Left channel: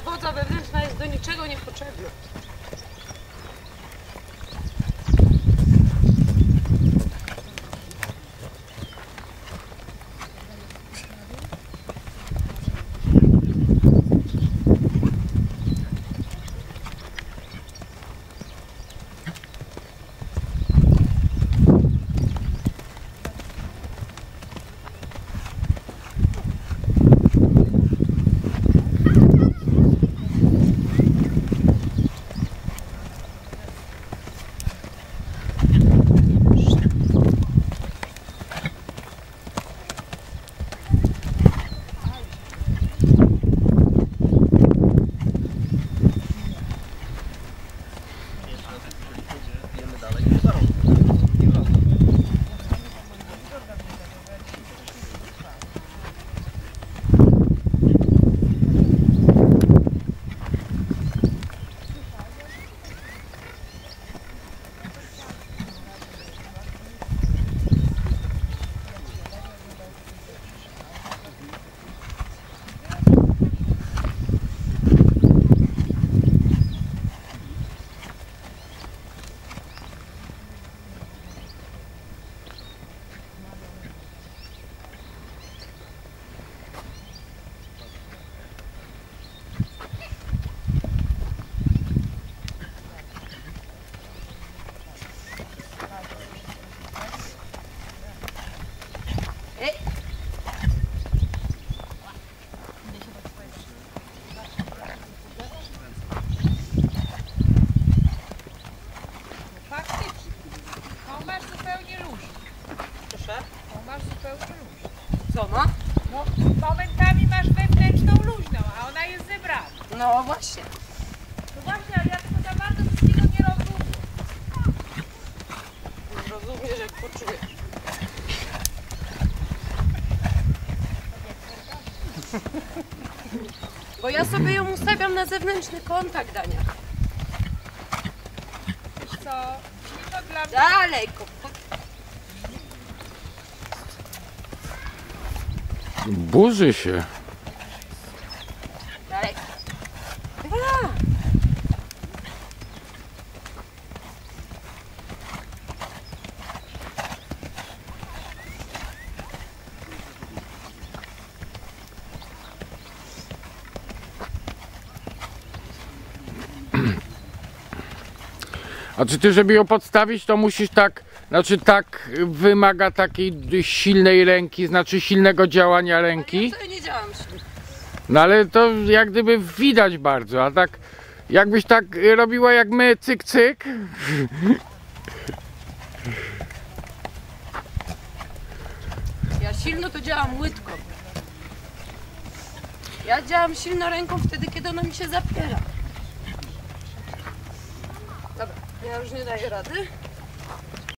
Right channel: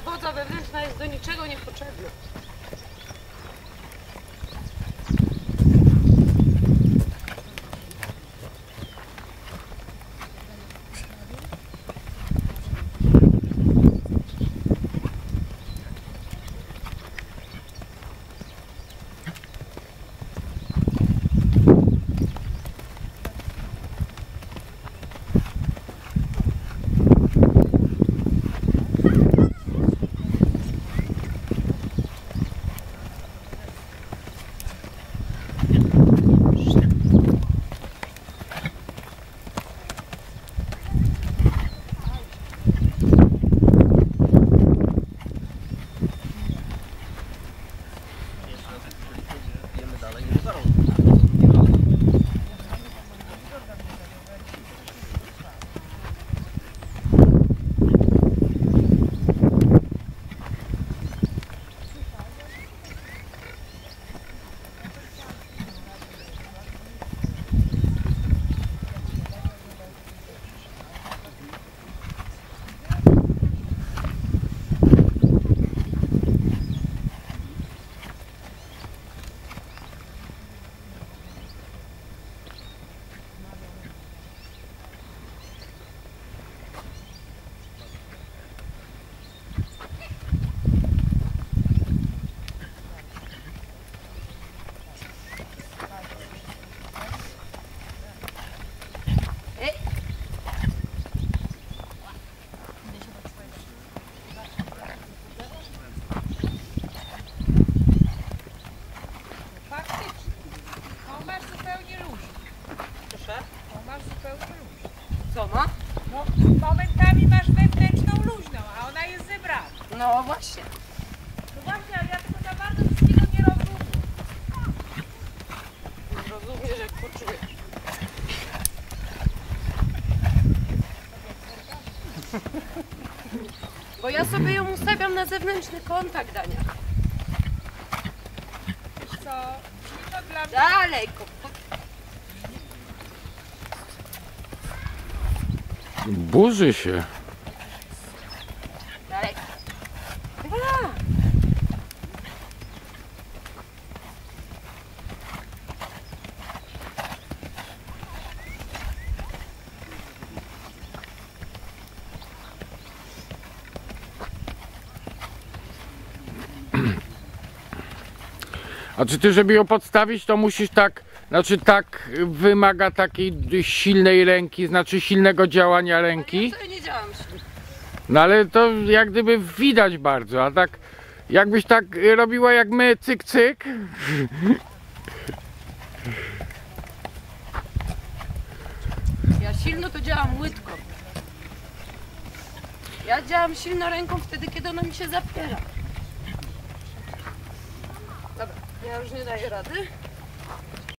wodza wewnętrzna jest do niczego niepotrzebna. Faktycznie. To masz zupełnie luźno. Proszę. To masz zupełnie luźno. Co ma? No, momentami masz wewnętrzną luźną, a ona jest zebrana. No właśnie. No właśnie, ale ja tego za bardzo wszystkiego nie rozumiem. Rozumiesz, jak poczujesz. Bo ja sobie ją ustawiam na zewnętrzny kontakt, Dania. Wiesz co, silno dla mnie... Dalej, kontakt. Burzy się. Dalej. Dobra. A czy ty, żeby ją podstawić, to musisz tak, znaczy tak wymaga takiej silnej ręki, znaczy silnego działania ręki. Ja nie działam silnie. No ale to jak gdyby widać bardzo, a tak jakbyś tak robiła jak my, cyk cyk. Ja silno to działam łydką. Ja działam silno ręką wtedy, kiedy ona mi się zapiera. ja już nie daję rady.